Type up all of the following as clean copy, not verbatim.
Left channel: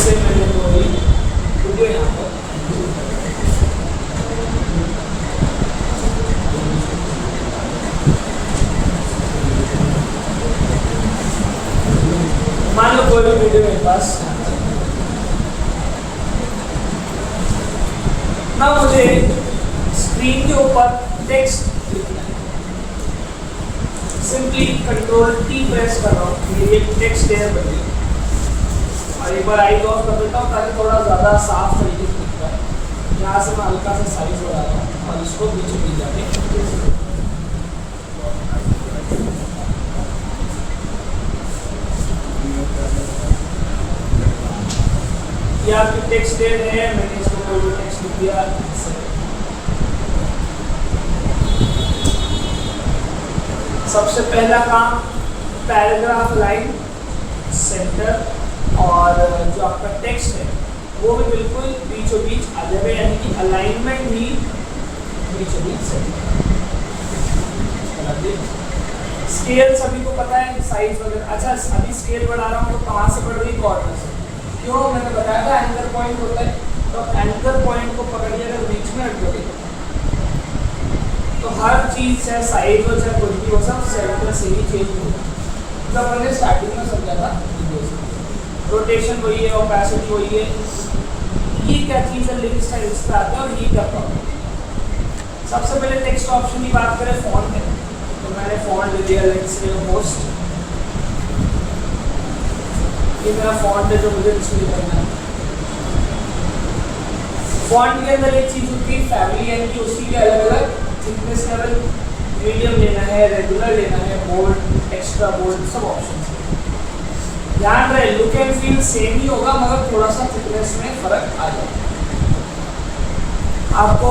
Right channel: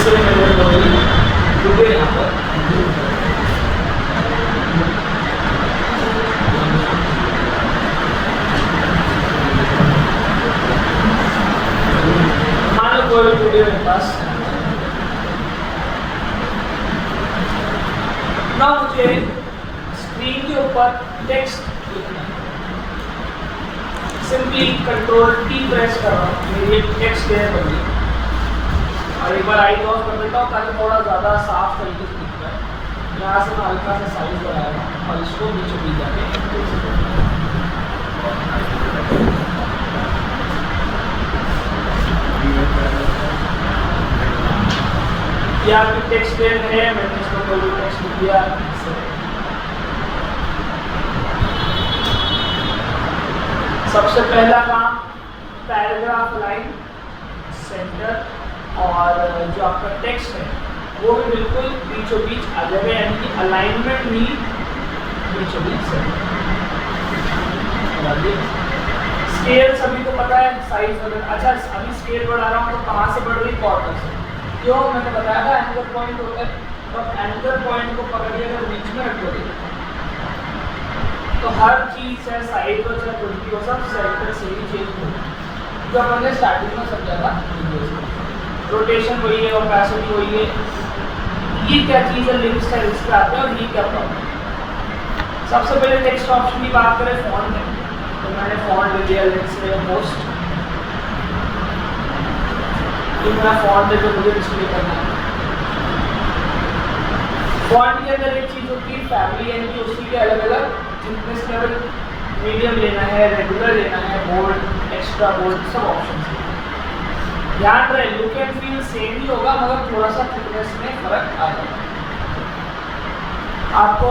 से मेरे कोई रुके यहाँ पर मान लो कोई वीडियो मेरे पास ना, मुझे स्क्रीन के ऊपर टेक्स्ट लिखना है। सिंपली कंट्रोल टी प्रेस कर रहा हूँ, ये टेक्स्ट क्लियर कर दिया और एक बार आई ऑफ कर देता हूँ ताकि थोड़ा ज़्यादा साफ तरीके से दिखता है। यहाँ से मैं हल्का सा साइज बढ़ाया और इसको बीचों बीच जाके ये आपकी टेक्स्ट क्लियर है। मैंने इसको कोई भी टेक्स्ट लिख दिया। सबसे पहला काम पैराग्राफ लाइन सेंटर और जो आपका टेक्स्ट है वो भी बिल्कुल बीचों बीच आ जाएगा, यानी कि अलाइनमेंट भी बीचों बीच से। स्केल सभी को पता है, साइज वगैरह। अच्छा, अभी स्केल बढ़ा रहा हूँ तो कहाँ से बढ़ रही? कॉर्नर से। क्यों? मैंने बताया था एंकर पॉइंट होता है, तो एंकर पॉइंट को पकड़िए अगर बीच में रख दोगे तो हर चीज़ है, साइज हो चाहे कुछ भी हो, सब सेंटर से ही चेंज होगा। जो हमने स्टार्टिंग में समझा था, रोटेशन वही है, ओपेसिटी वही है। ये क्या चीज़ है, लिंक स्टाइल्स पे आते हैं और ये क्या प्रॉब्लम। सबसे पहले टेक्स्ट ऑप्शन की बात करें, फॉन्ट है तो मैंने फॉन्ट ले लिया, लेट्स से मोस्ट। ये मेरा फॉन्ट है जो मुझे डिस्प्ले करना है। फॉन्ट के अंदर एक चीज़ होती है फैमिली, यानी कि उसकी भी अलग अलग थिकनेस लेवल, मीडियम लेना है, रेगुलर लेना है, बोल्ड, एक्स्ट्रा बोल्ड, सब ऑप्शन है। ध्यान रहे लुक एंड फील सेम ही होगा मगर थोड़ा सा थिकनेस में फर्क आ जाएगा। आपको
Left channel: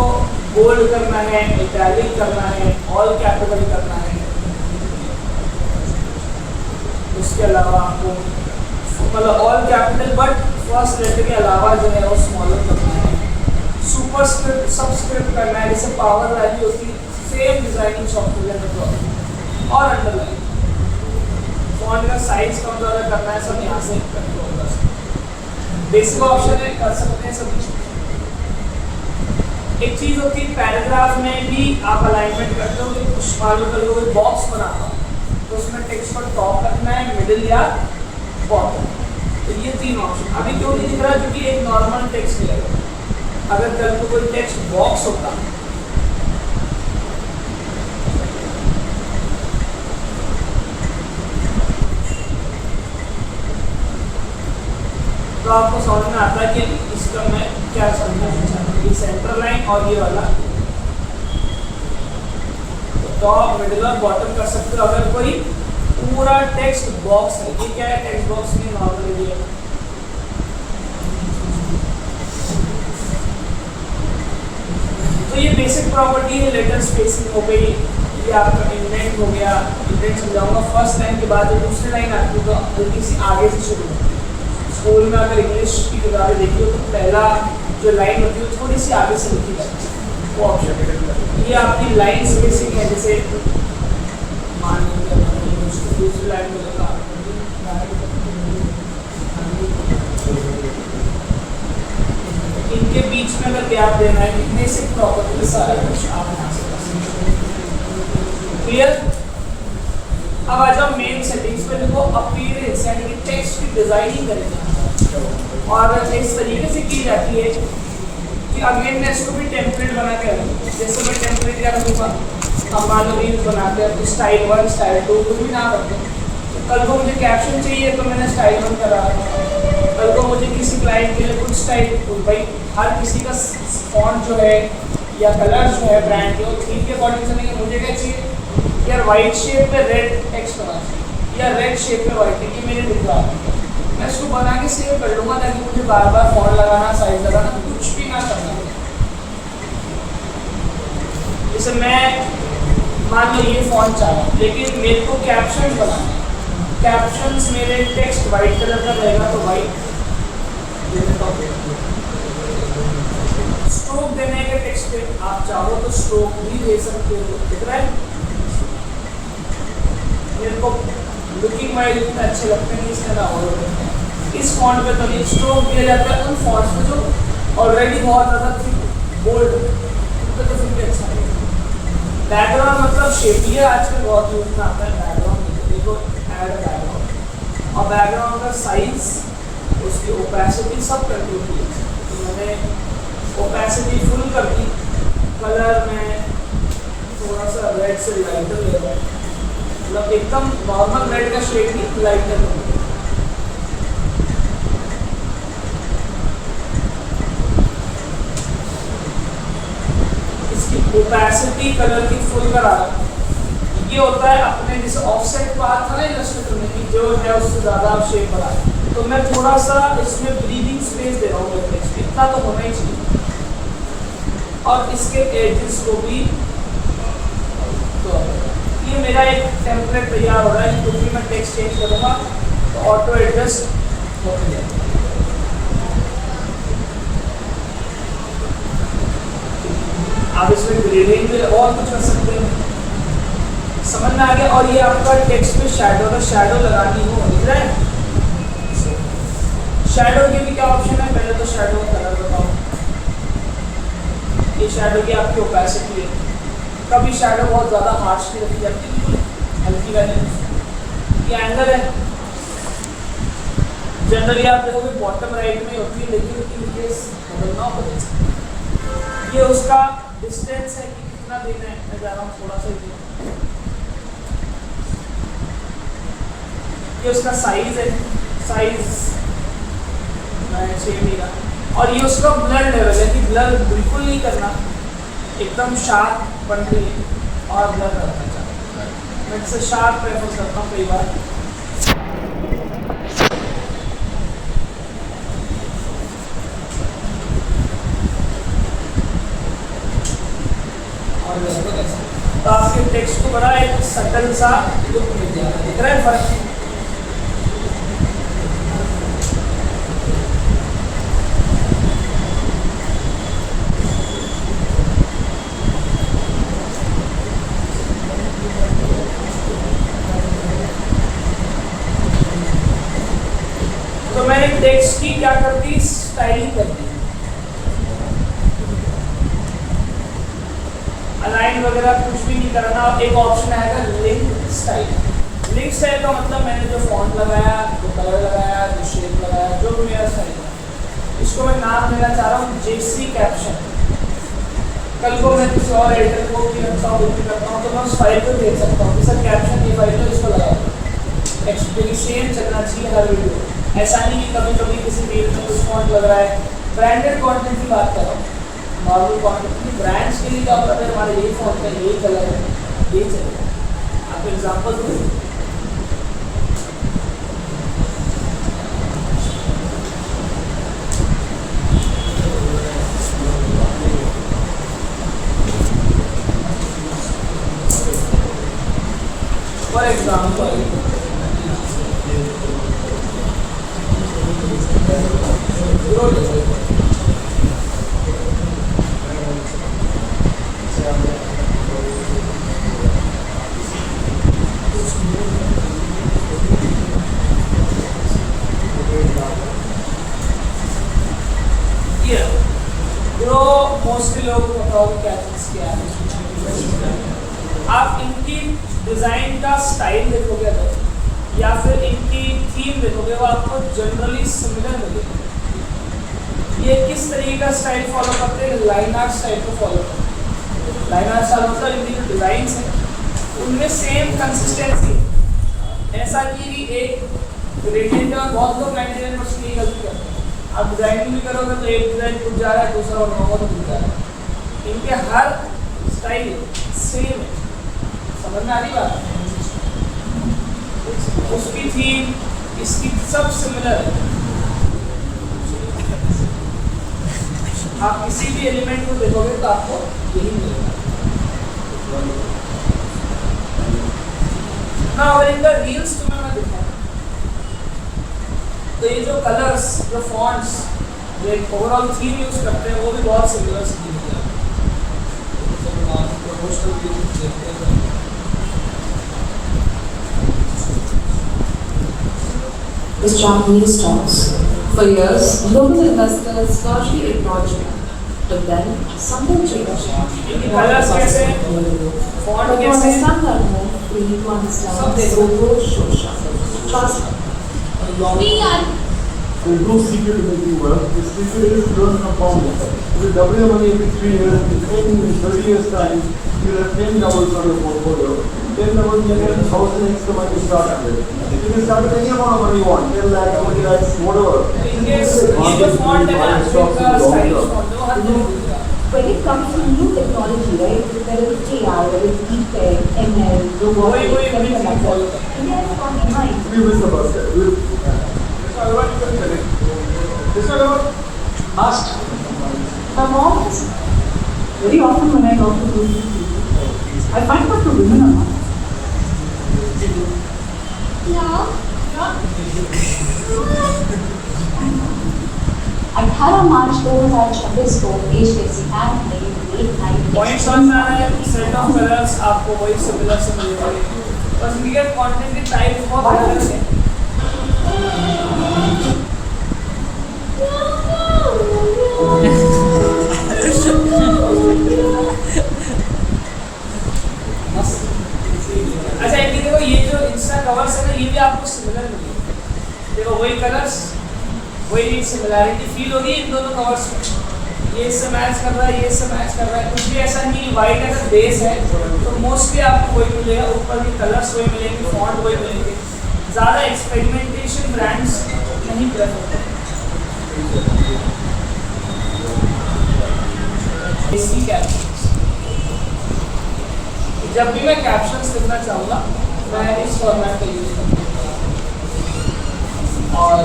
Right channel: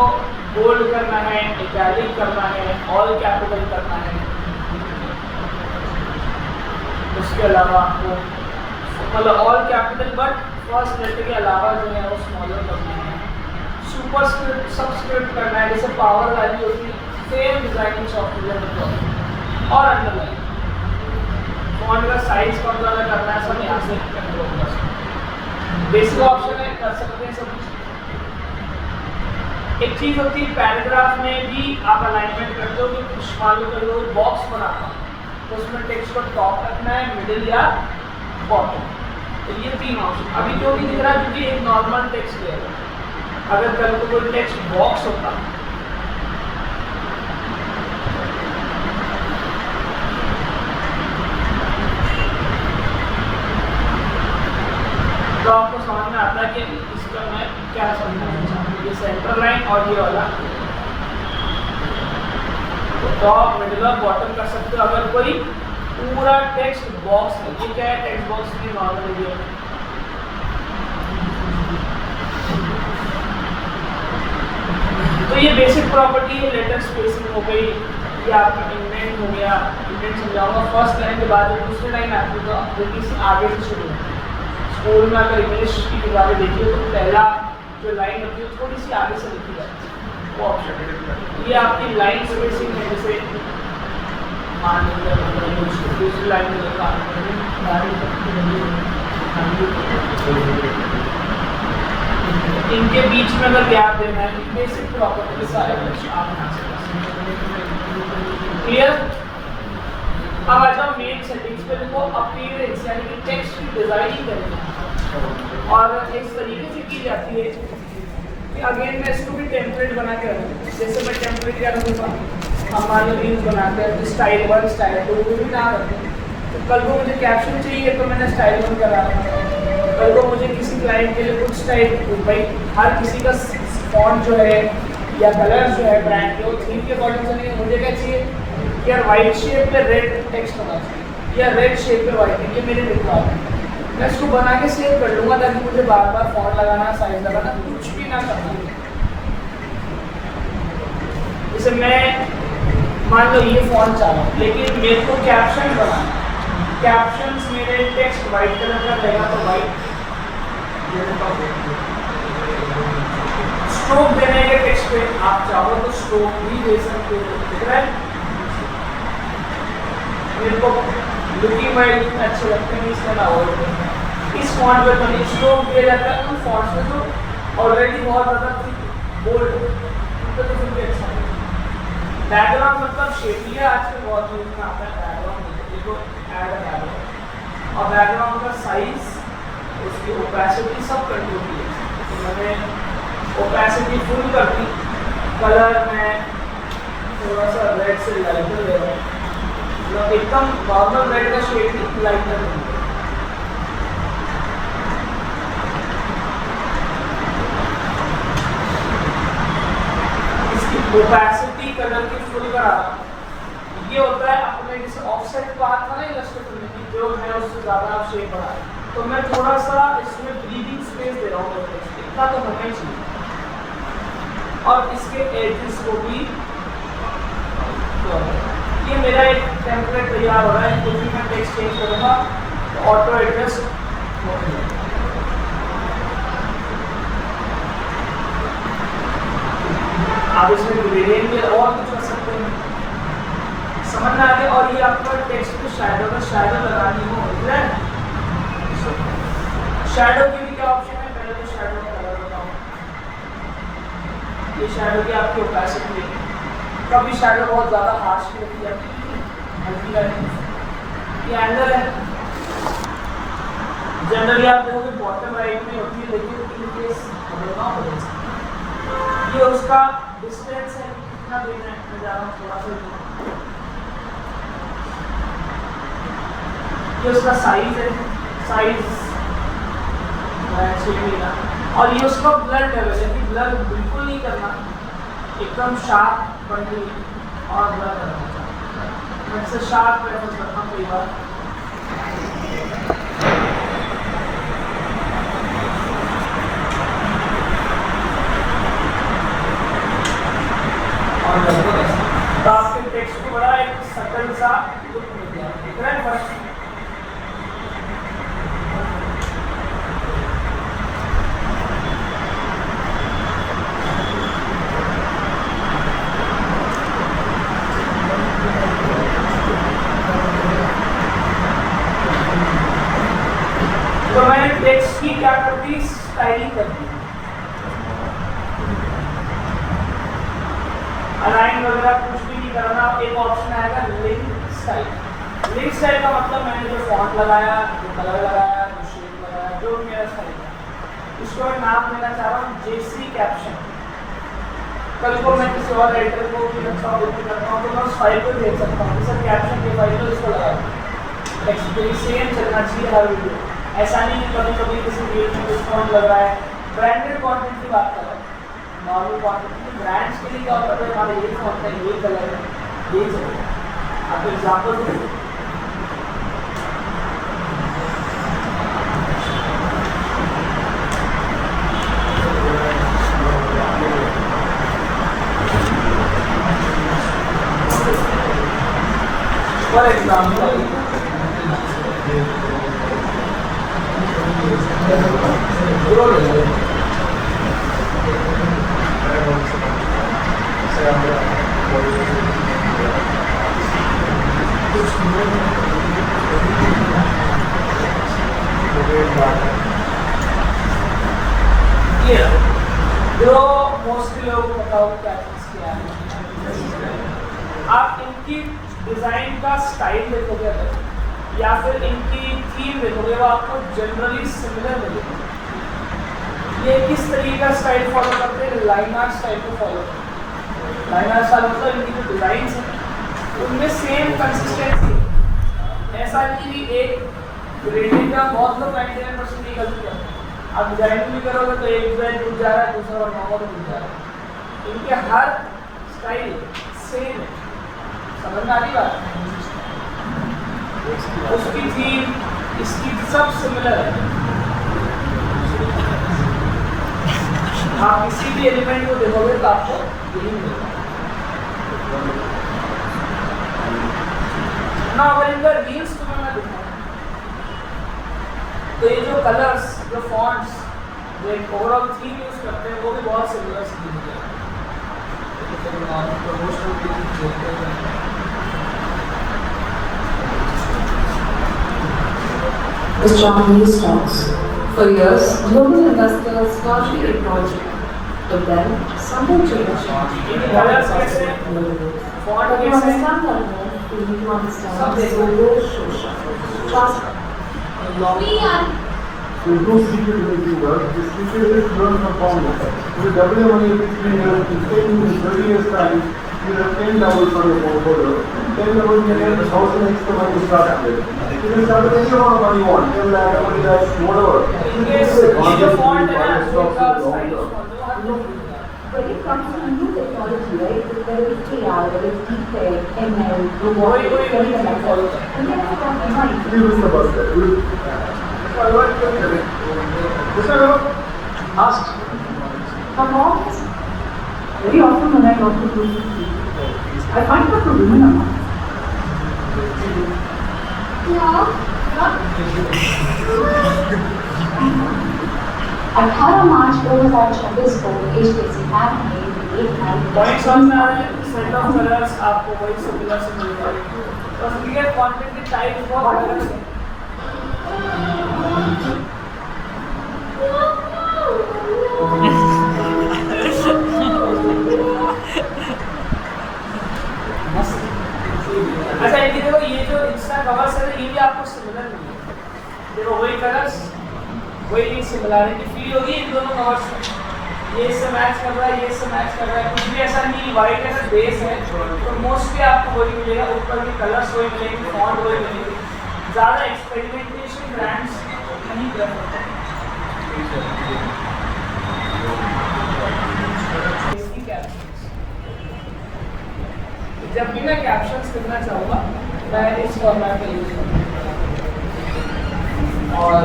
बोल्ड करना है, इटैलिक करना है, ऑल कैपिटल करना है। उसके अलावा आपको मतलब all capital but first letter के अलावा जो है वो स्मॉलर करना है। सुपरस्क्रिप्ट सबस्क्रिप्ट करना है, जैसे पावर वैल्यू होती है सेम डिजाइनिंग सॉफ्टवेयर में। और अंडरलाइन फॉन्ट का साइज कम ज़्यादा करना है, सब यहाँ से कंट्रोल कर सकते हैं। बेसिक ऑप्शन है, कर सकते हैं सब। एक चीज़ होती है पैराग्राफ में भी आप अलाइनमेंट करते हो कि कुछ मान लो कोई बॉक्स बना रहा तो उसमें टेक्स्ट को टॉप रखना है, मिडिल या बॉटम। तो ये तीन ऑप्शन अभी क्यों नहीं दिख रहा है? क्योंकि एक नॉर्मल टेक्स्ट है। अगर कल को कोई टेक्स्ट बॉक्स होता तो आपको समझ में आता है कि इसका मैं क्या समझना चाहता हूँ। ये सेंटर लाइन और ये वाला टॉप, मिडिल और बॉटम कर सकते हो। अगर कोई पूरा टेक्स्ट बॉक्स है, ये क्या है? टेक्स्ट बॉक्स में नॉर्मल है। तो ये बेसिक प्रॉपर्टी है। लेटर स्पेसिंग हो गई, ये आपका इंडेंट हो गया। इंडेंट समझाऊंगा फर्स्ट लाइन के बाद जो दूसरी लाइन आती है तो हल्की सी आगे से शुरू होती है। स्कूल में अगर इंग्लिश की किताबें देखी हो तो पहला जो लाइन होती है थोड़ी सी आगे से लिखी जाती है, वो ऑप्शन है। ये आपकी लाइन स्पेसिंग है। जैसे मान लीजिए दूसरी लाइन में लिखा इनके बीच में अगर गैप देना है, बेसिक प्रॉपर्टी सारे आप बना सकते हैं। क्लियर? अब आ जाओ मेन सेटिंग्स पे। देखो अपीयरेंस यानी कि टेक्स्ट की डिजाइनिंग करनी है और इस तरीके से की जाती है कि अगेन मैं इसको भी टेम्पलेट बना के रखूँ। जैसे मैं टेम्पलेट क्या रखूँगा, हम मान लो रील्स बनाते हैं तो स्टाइल 1 स्टाइल 2 कुछ भी ना करते हैं। तो कल को मुझे कैप्शन चाहिए तो मैंने स्टाइल 1 करा। कल को मुझे किसी क्लाइंट के लिए कुछ स्टाइल, भाई हर किसी का फॉन्ट जो है या कलर जो है ब्रांड के वो थीम के अकॉर्डिंग से नहीं। मुझे क्या चाहिए यार, वाइट शेप पे रेड टेक्स्ट होना चाहिए या रेड शेप पे वाइट, ये मेरे रिक्वायरमेंट है। मैं इसको बना के सेव कर लूँगा ताकि मुझे बार बार फॉन्ट लगाना, साइज लगाना कुछ भी ना करना। जैसे मैं मान लो ये फॉन्ट चाह रहा हूँ लेकिन मेरे को कैप्शन बनाना है। कैप्शंस मेरे टेक्स्ट वाइट कलर का रहेगा तो वाइट। स्ट्रोक देने के टेक्स्ट पे आप चाहो तो स्ट्रोक भी दे सकते हो। दिख रहा है? मेरे को लुकिंग वाइज अच्छे लगते हैं, इस तरह और इस फॉन्ट पे तो स्ट्रोक दिया जाता है उन फॉन्ट्स में जो ऑलरेडी बहुत ज़्यादा थिक बोल्ड उनका तो फिर भी अच्छा है। बैकग्राउंड मतलब शेप, ये आजकल बहुत यूज में आता है बैकग्राउंड, देखो ऐड बैकग्राउंड और बैकग्राउंड का साइज, उसकी ओपेसिटी सब कंट्रोल की है। तो मैंने ओपेसिटी फुल कर दी, कलर में थोड़ा सा रेड से लाइटर ले रहा है, मतलब एकदम नॉर्मल रेड का शेड नहीं, लाइटर है। ओपेसिटी कलर की फुल करा, ये होता है अपने जैसे ऑफसेट बात था ना इलस्ट्रेटर में कि जो है उससे ज़्यादा आप शेप बढ़ा, तो मैं थोड़ा सा इसमें ब्रीदिंग स्पेस दे रहा हूँ, इतना तो होना ही चाहिए। और इसके एजेस को भी तो ये मेरा एक टेम्पलेट तैयार हो रहा है, कुछ भी मैं टेक्स्ट चेंज करूँगा तो ऑटो एडजस्ट हो जाएगा। आप इसमें ग्रेडियंट भी और कुछ कर सकते हैं, समझ में आ गया। और ये आपका टेक्स्ट पे शैडो, अगर शैडो लगानी हो, दिख रहा है शैडो की भी क्या ऑप्शन है, पहले तो शैडो कलर बताओ, ये शैडो की आपकी ओपेसिटी है। कभी शैडो बहुत ज़्यादा हार्श की रखी जाती है, हल्की वाली, ये एंगल है, जनरली आप देखोगे बॉटम राइट में होती है, लेकिन इन केस बदलना हो सकता है। ये उसका डिस्टेंस है कि कितना देना है, मैं जा रहा हूँ थोड़ा सा, ये उसका साइज है, साइज 6 मीला, और ये उसका ब्लर लेवल है कि ब्लर बिल्कुल नहीं करना, एकदम शार्प बनती है और ब्लर करना, मैं इसे शार्प प्रेफर करता हूँ कई बार। तो आपके टेक्स्ट को बड़ा एक सटल सा लुक मिल जाएगा, दिख रहा है फर्क। तो मैंने टेक्स्ट की क्या कर दी, स्टाइलिंग कर दी, अलाइन वगैरह कुछ भी नहीं करना। एक ऑप्शन आएगा लिंक स्टाइल। लिंक स्टाइल का मतलब मैंने जो फॉन्ट लगाया, जो कलर लगाया, जो शेप लगाया, जो भी मेरा स्टाइल है, इसको मैं नाम देना चाह रहा हूँ जेसी कैप्शन। कल को मैं किसी और एडिटर को भी रखता हूँ, करता हूँ, तो मैं उस फाइल को भेज सकता हूँ कि सर कैप्शन की फाइल तो इसको लगा, एक्चुअली सेम चलना चाहिए हर वीडियो। ऐसा नहीं कि कभी कभी किसी पेज में कुछ फॉन्ट लग रहा है। ब्रांडेड कॉन्टेंट की बात कर रहा हूँ, नॉर्मल कॉन्टेंट, ब्रांड्स के लिए क्या होता है, हमारे ये फॉन्ट है, ये कलर है, ये चलेगा। आपको एग्जाम्पल दूँ, फॉर एग्जाम्पल जो मोस्टली लोगों को पता होगा क्या चीज़ क्या है। आप इनकी डिज़ाइन का स्टाइल देखोगे अगर, या फिर इनकी थीम देखोगे, वो आपको जनरली सिमिलर मिलेगा। ये किस तरीके का स्टाइल फॉलो करते हैं, लाइन आर्ट स्टाइल को फॉलो करते हैं। लाइन आर्ट स्टाइल मतलब इनकी जो डिज़ाइन है उनमें सेम कंसिस्टेंसी, ऐसा नहीं कि एक ग्रेडिंग का बहुत लोग 99% गलती करते हैं। अब डिजाइनिंग भी करोगे तो एक डिजाइन टूट जा रहा है, दूसरा और नया टूट जा रहा है। इनके हर स्टाइल सेम है, समझ में आ रही बात? उसकी थीम इसकी सब सिमिलर है। आप किसी भी एलिमेंट को देखोगे तो आपको यही मिलेगा ना। अगर इनका रील्स तुम्हें मैं दिखाऊं तो ये जो कलर्स, जो फॉन्ट्स, जो एक ओवरऑल थीम यूज करते हैं वो भी बहुत सिमिलर सी दिखती है। Japanese stocks. For years, global investors largely ignored Japan. But then, something changed. Colours कैसे हैं, फॉन्ट But to कैसे हैं, understand that more, we need to understand सब the देखो। global social trust. There's no secret in the world. The secret is learn compound interest. If you double your money every 3 years, in 10 years, 30 years time, you have 10 doubles on your portfolio. 10 doubles, you get 1,000 extra money to start with. You can start with any amount of money you want. 10 lakhs, 20 lakhs, whatever. इनके ये जो font है ना, इनका stylish font जो हर लोग दिखता है। When it comes to new technology, right, whether it's AI, whether it's deepfake, ML, वही robotics, चीज़ follow करता है। India has got behind. We will the bus there. My mom is very often when I talk to people, I find that the women are not. अठारह मार्च 2026 को देश के सितार में एक point समझ में आ रहा है, सेट ऑफ कलर्स आपको वही सिमिलर से मिलेगा। बस इनके कंटेंट के टाइप बहुत अलग है। अच्छा इनकी देखो ये जो इंस्टा कवर्स है ना, ये भी आपको सिमिलर मिलेगा। देखो वही कलर्स, वही सिमिलैरिटी फील होगी इन दोनों कवर्स में। ये इससे मैच कर रहा है, ये इससे मैच कर रहा है, कुछ भी ऐसा नहीं। वाइट अगर बेस है तो मोस्टली आपको वही मिलेगा, ऊपर की कलर्स वही मिलेंगे, फॉन्ट वही मिलेंगे। ज़्यादा एक्सपेरिमेंटेशन ब्रांड्स नहीं प्रेफर करते। इसकी कैप्शंस, जब भी मैं कैप्शंस लिखना चाहूँगा मैं इस फॉर्मेट का यूज़ करूँगा और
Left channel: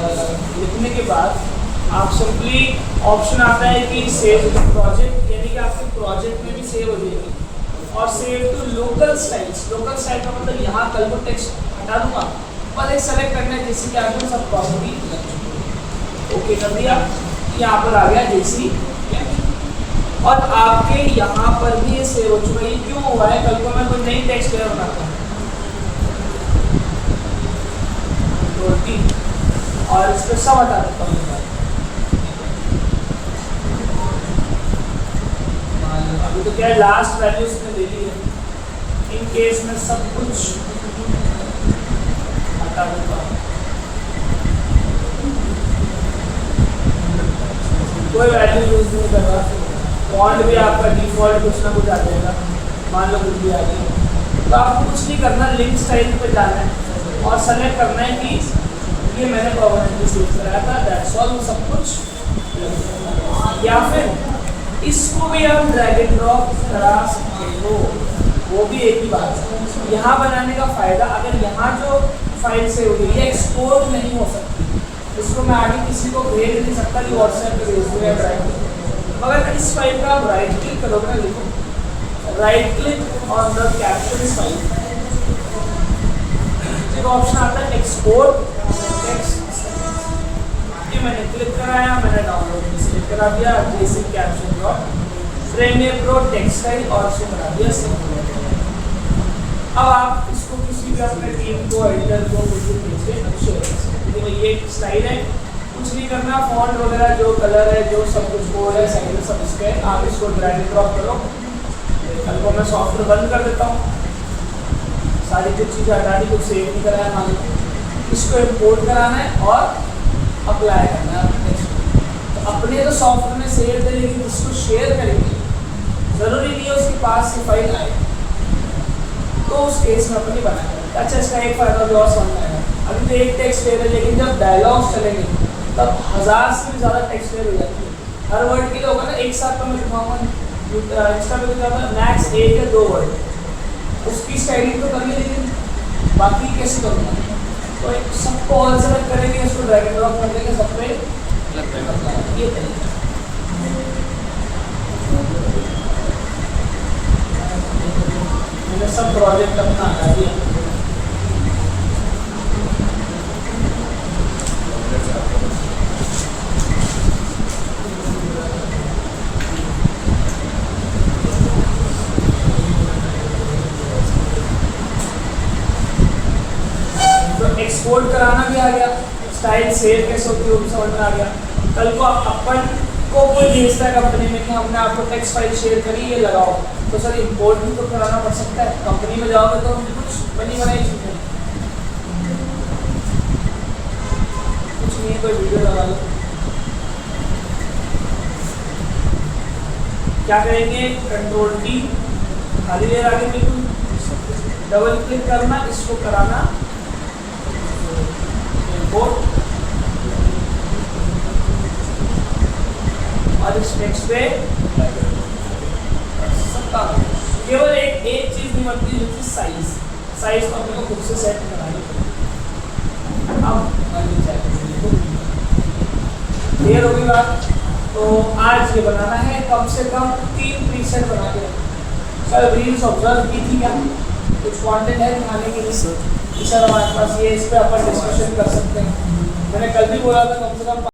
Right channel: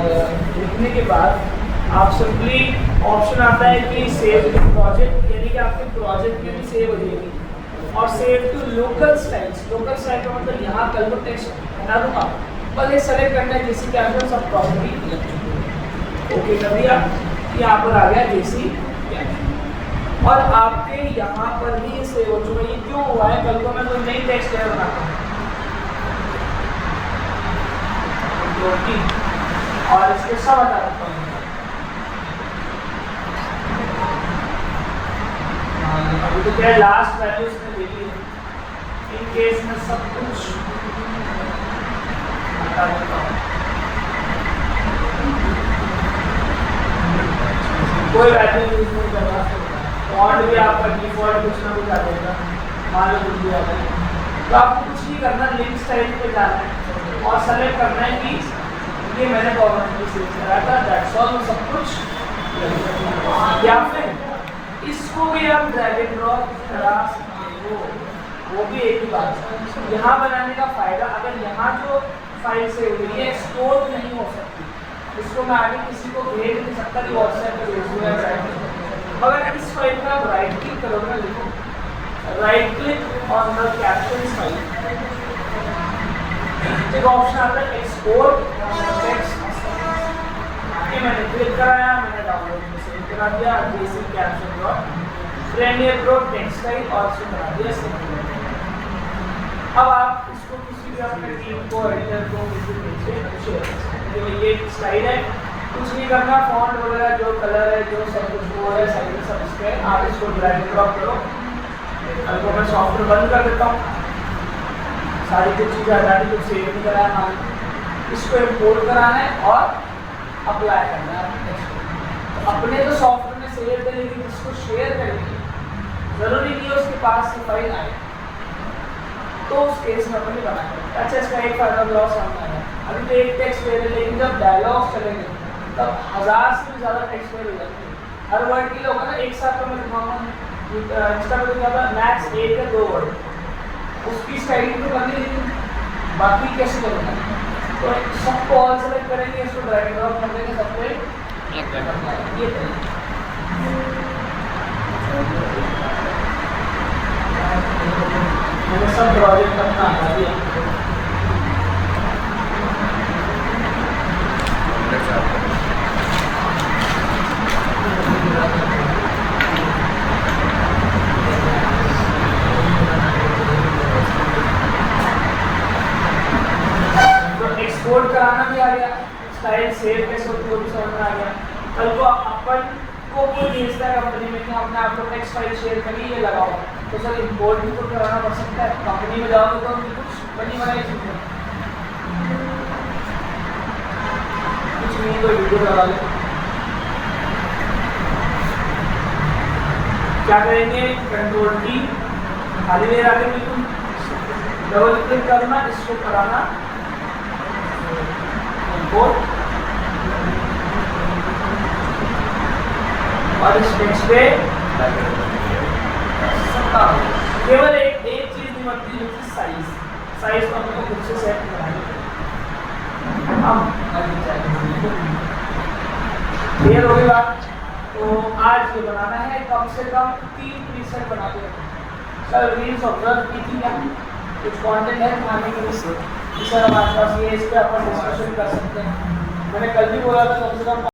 लिखने के बाद आप सिंपली ऑप्शन आता है कि सेव प्रोजेक्ट, यानी कि आपके प्रोजेक्ट में भी सेव हो जाएगी। और save to local styles. Local style का मतलब यहाँ कल को टेक्स्ट हटा दूँगा, बस ये सेलेक्ट करना है जैसे कि आपने सब प्रॉपर्टी ओके कर दिया। यहाँ पर आ गया जैसी और आपके यहाँ पर भी ये सेव हो चुका है। ये क्यों हुआ है? कल को मैं कोई नई टेक्स्ट लेयर बनाता हूँ और इसको सब हटा देता हूँ। अभी तो क्या लास्ट वैल्यू इसने ले ली है। इन केस में सब कुछ हटा देता हूँ, कोई वैल्यू यूज नहीं कर रहा। फॉन्ट भी आपका डिफॉल्ट कुछ ना कुछ आ जाएगा, मान लो कुछ भी आ जाएगा। तो आपको कुछ नहीं करना, लिंक स्टाइल पे जाना है और सेलेक्ट करना है कि ये मैंने परमानेंटली सेव कराया था, दैट्स ऑल। सब कुछ या फिर इसको भी हम ड्रैग एंड ड्रॉप करा सकते हो, वो भी एक ही बात है। यहाँ बनाने का फ़ायदा, अगर यहाँ जो फाइल सेव हुई है एक्सपोर्ट नहीं हो सकती, इसको मैं आगे किसी को भेज नहीं सकता कि व्हाट्सएप पे भेज दो या ड्राइव में। मगर इस फाइल का आप राइट क्लिक करोगे, देखो right click on the caption file, एक ऑप्शन आता है एक्सपोर्ट टेक्स्ट। ये मैंने क्लिक कराया, मैंने डाउनलोड में सेव करा दिया, basic caption drop Premiere Pro text style और से करा दिया सेव। अब आप इसको किसी भी अपने टीम को, एडिटर को, किसी भी से शेयर कर सकते हैं। ये स्टाइल है, कुछ नहीं करना, फॉन्ट वगैरह जो कलर है जो सब कुछ वो है साइड सब इस पे आप इसको ड्रैग एंड ड्रॉप करो। अब मैं सॉफ्टवेयर बंद कर देता हूँ, सारी कुछ चीज़ें हटा दी, कुछ सेव नहीं कराया हमारे। इसको इम्पोर्ट कराना है और अप्लाई करना है टेक्स्ट। तो अपने तो सॉफ्टवेयर में सेव है, लेकिन इसको शेयर करेंगे ज़रूरी नहीं है उसके पास ये फाइल आए, तो उस केस में अपने बनाएंगे। अच्छा इसका एक फायदा भी और समझ आएगा। अभी तो एक टेक्स्ट लेयर है, लेकिन जब डायलॉग्स चलेंगे तब 1000 से भी ज़्यादा टेक्स्ट लेयर हो जाती है। हर वर्ड के लिए होगा ना, एक साथ तो मैं लिखवाऊँगा इंस्टा पे लिखा था मैक्स 1 या 2 वर्ड, उसकी स्टाइलिंग तो करनी, लेकिन बाकी कैसे करूँगा? तो सबको ऑल सेलेक्ट करेंगे, इसको ड्रैग एंड ड्रॉप कर देंगे सब पे, ये मैंने सब प्रोजेक्ट अपना हटा दिया। एक्सपोर्ट कराना भी आ गया, फाइल सेव कैसे होती है वो भी समझ में आ गया। कल को अपन को कोई भेजता है कंपनी में कि हमने आपको टेक्स्ट फाइल शेयर करी, ये लगाओ, तो सर इंपोर्ट भी तो कराना पड़ सकता है। कंपनी में जाओगे तो कुछ बनी बनाई चीजें, कुछ नहीं, कोई वीडियो लगा ले, क्या करेंगे, कंट्रोल डी, खाली ले रहा है बिल्कुल, डबल क्लिक करना, इसको कराना इंपोर्ट, और इस टेक्स्ट पे केवल एक चीज नहीं बनती जो कि साइज तो हमको खुद से सेट करना है। क्लियर हो गई बात। तो आज ये बनाना है कम से कम 3 प्रीसेट बना के। सर रील्स ऑब्जर्व की थी क्या, कुछ कंटेंट है बनाने के लिए सर हमारे पास ये, इस पर अपन डिस्कशन कर सकते हैं। मैंने कल भी बोला था कम से कम